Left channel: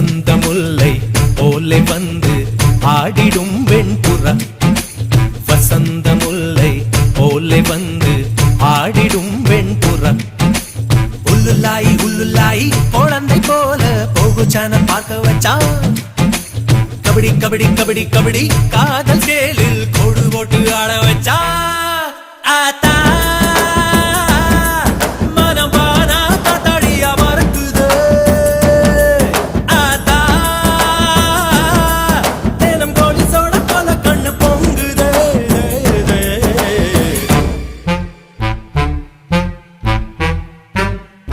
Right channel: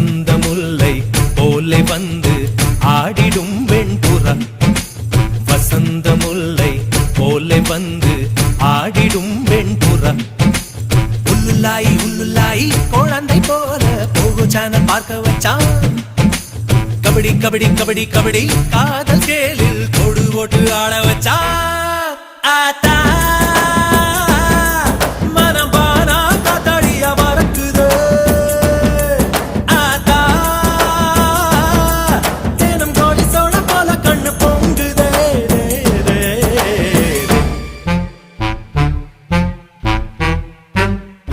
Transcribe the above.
வசந்த முல்லை போலே வந்து ஆடிடும் வெண்புறா. வசந்த முல்லை போலே வந்து ஆடிடும் வெண்புறா. உள்ளுல்லாய் உள்ளுல்லாய் குழந்தை போல போகு சேனல் பார்க்க வச்சான். கபடி கபடி கபடி கபடி காதல் சேலில் கொடு போட்டு ஆட வச்சா.